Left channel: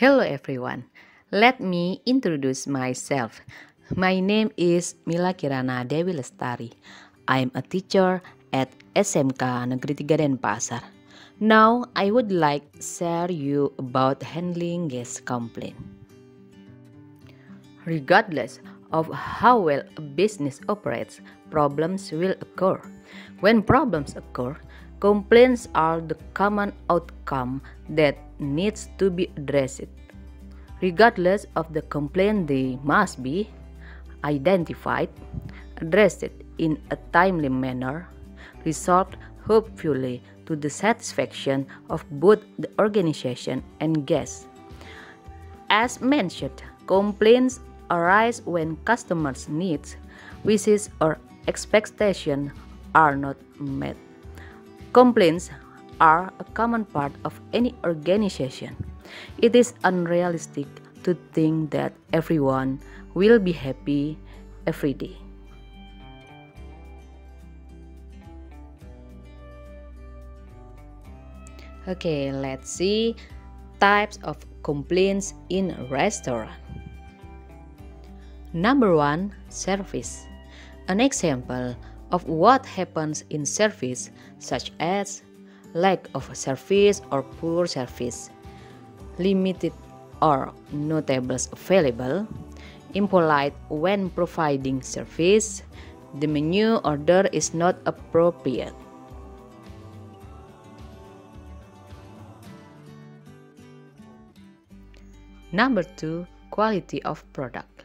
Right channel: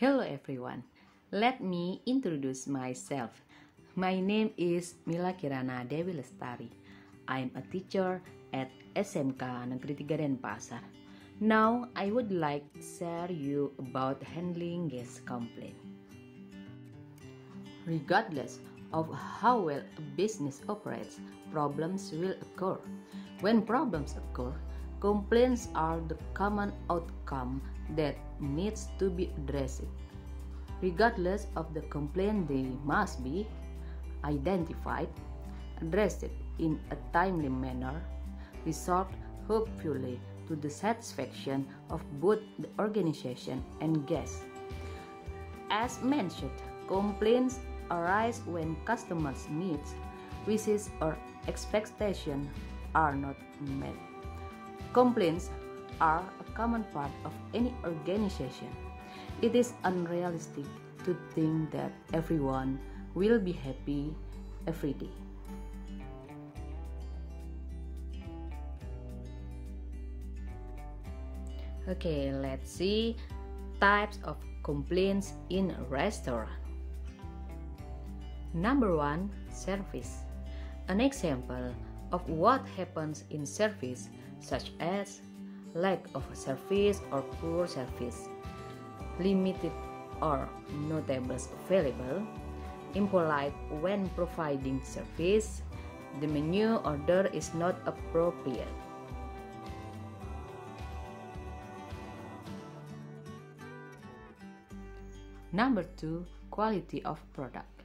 Hello everyone. Let me introduce myself. My name is Mila Kirana Dewi Lestari. I'm a teacher at SMK Negeri 3 Denpasar. Now I would like to share you about handling guest complaint. Regardless of how well a business operates, problems will occur. When problems occur, complaints are the common outcome that needs to be addressed. Regardless of the complaint, they must be identified, addressed in a timely manner, resolved hopefully to the satisfaction of both the organization and guests. As mentioned, complaints arise when customers' needs, wishes, or expectations are not met. Complaints are a common part of any organization. It is unrealistic to think that everyone will be happy every day. Okay, let's see types of complaints in a restaurant. Number 1, service. An example of what happens in service, such as lack of service or poor service, limited or no tables available, impolite when providing service, the menu order is not appropriate. Number 2, quality of product.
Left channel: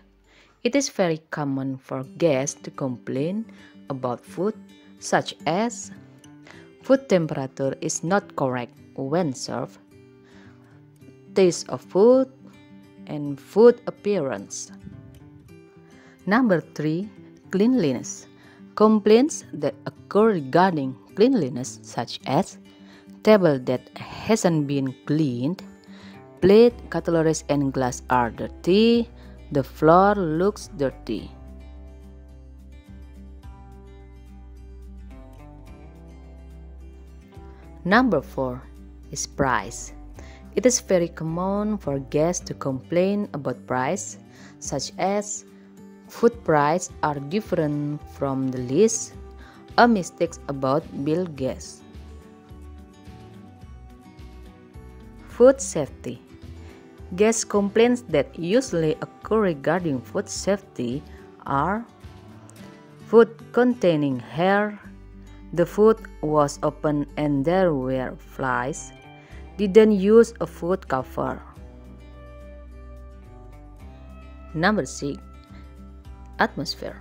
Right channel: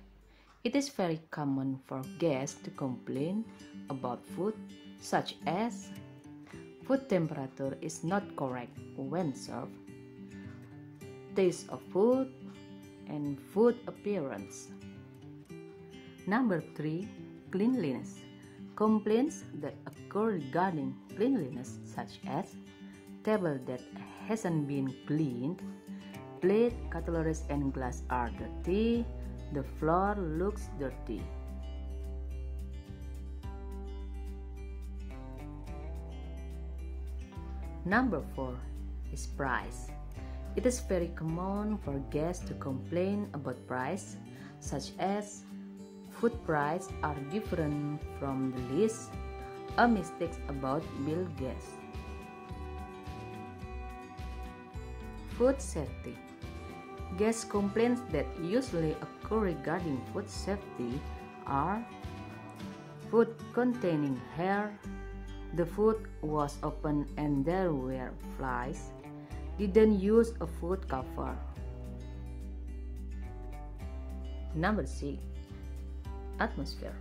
It is very common for guests to complain about food, such as food temperature is not correct when served, taste of food, and food appearance. Number 3, cleanliness. Complaints that occur regarding cleanliness, such as table that hasn't been cleaned, plate, cutlery, and glass are dirty, the floor looks dirty. Number 4 is price. It is very common for guests to complain about price, such as food prices are different from the list, a mistake about bill guests. Food safety. Guest complaints that usually occur regarding food safety are food containing hair, the food was open and there were flies, didn't use a food cover. Number 6, atmosphere.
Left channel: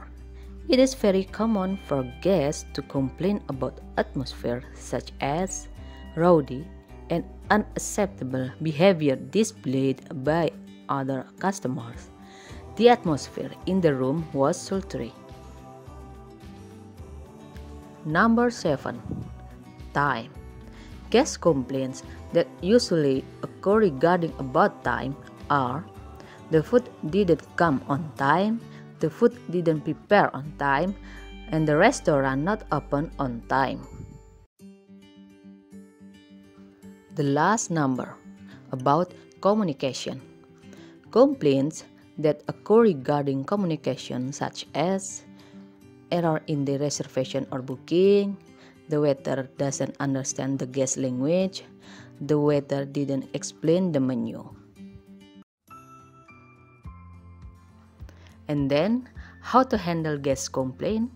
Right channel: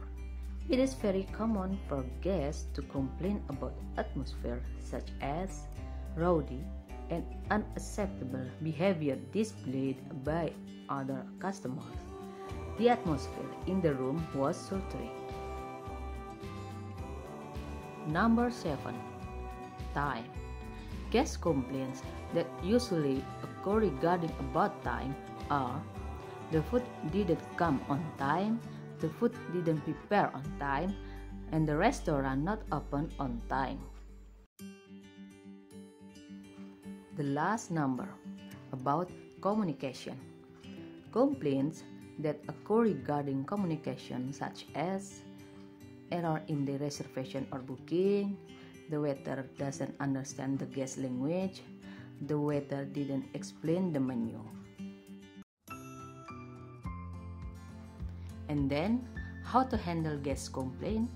It is very common for guests to complain about atmosphere, such as rowdy and unacceptable behavior displayed by other customers. The atmosphere in the room was sultry. Number 7, time. Guest complaints that usually occur regarding about time are the food didn't come on time, the food didn't prepare on time, and the restaurant not open on time. The last number, about communication. Complaints that occur regarding communication, such as error in the reservation or booking, the waiter doesn't understand the guest language, the waiter didn't explain the menu. And then, how to handle guest complaint?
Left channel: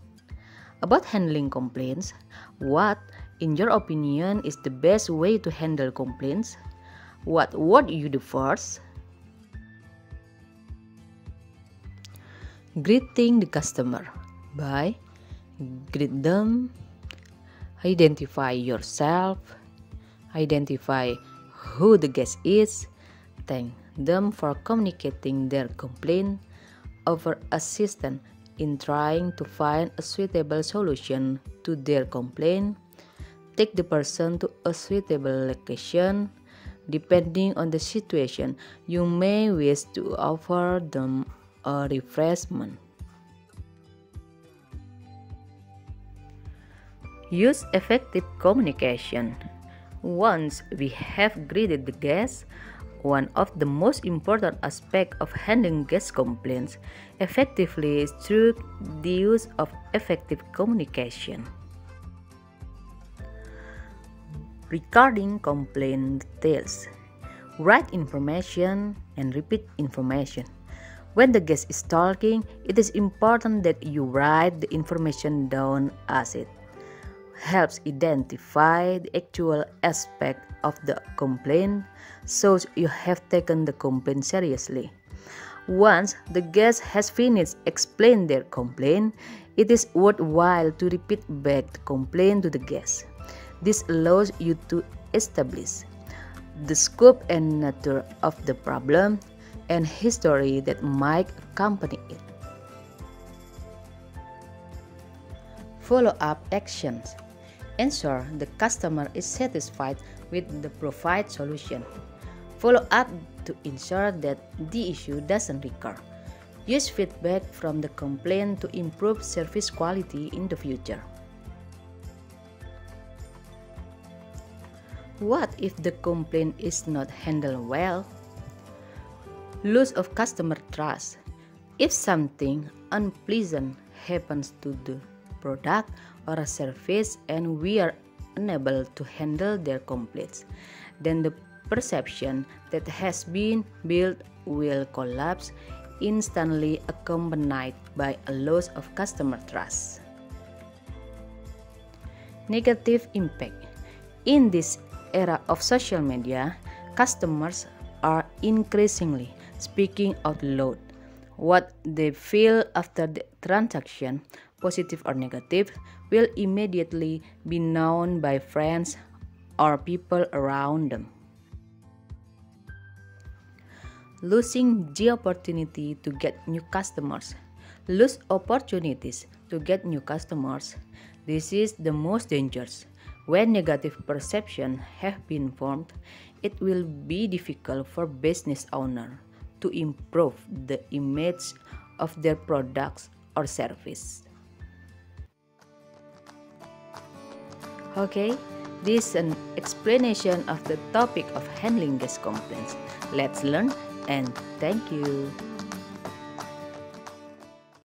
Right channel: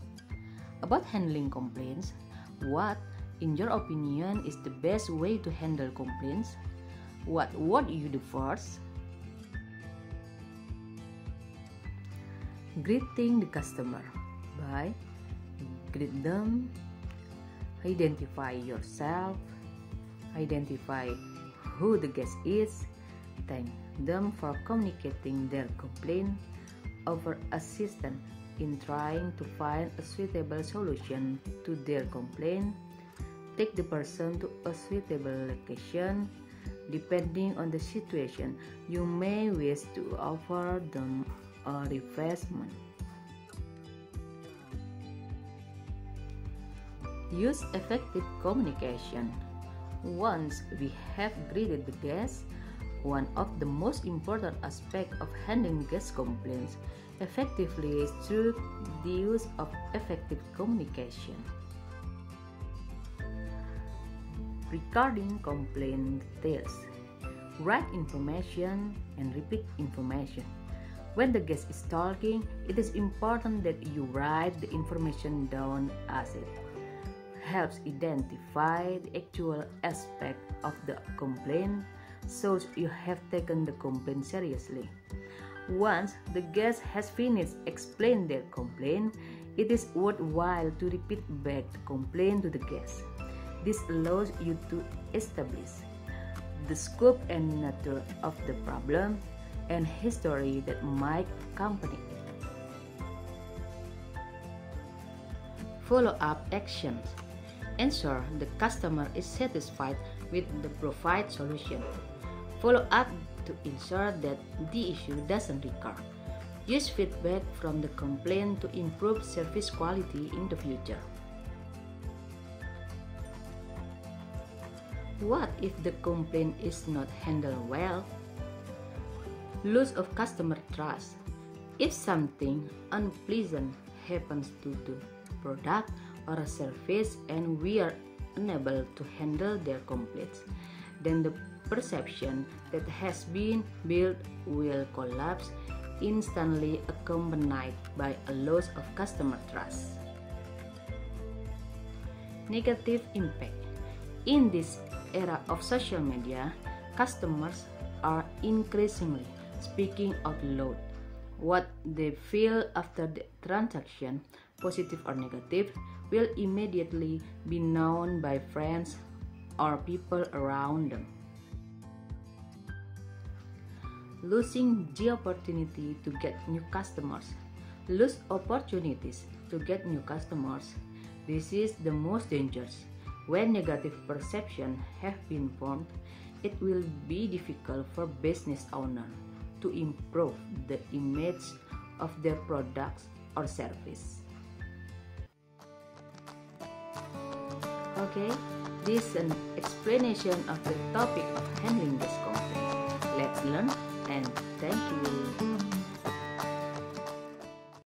About handling complaints, what, in your opinion, is the best way to handle complaints? What would you do first? Greeting the customer by greet them, identify yourself, identify who the guest is, thank them for communicating their complaint, offer assistance in trying to find a suitable solution to their complaint, take the person to a suitable location. Depending on the situation, you may wish to offer them a refreshment. Use effective communication. Once we have greeted the guest, one of the most important aspects of handling guest complaints effectively is through the use of effective communication. Regarding complaint details, write information and repeat information. When the guest is talking, it is important that you write the information down as it helps identify the actual aspect of the complaint, so you have taken the complaint seriously. Once the guest has finished explaining their complaint, it is worthwhile to repeat back the complaint to the guest. This allows you to establish the scope and nature of the problem and history that might accompany it. Follow-up actions. Ensure the customer is satisfied with the provided solution. Follow up to ensure that the issue doesn't recur. Use feedback from the complaint to improve service quality in the future. What if the complaint is not handled well? Loss of customer trust. If something unpleasant happens to the product or a service and we are unable to handle their complaints, then the perception that has been built will collapse, instantly accompanied by a loss of customer trust. Negative impact. In this era of social media, customers are increasingly speaking out loud what they feel after the transaction, positive or negative, will immediately be known by friends or people around them. Losing the opportunity to get new customers. Lose opportunities to get new customers. This is the most dangerous. When negative perceptions have been formed, it will be difficult for business owners to improve the image of their products or service. Okay, this is an explanation of the topic of handling guest complaints. Let's learn and thank you.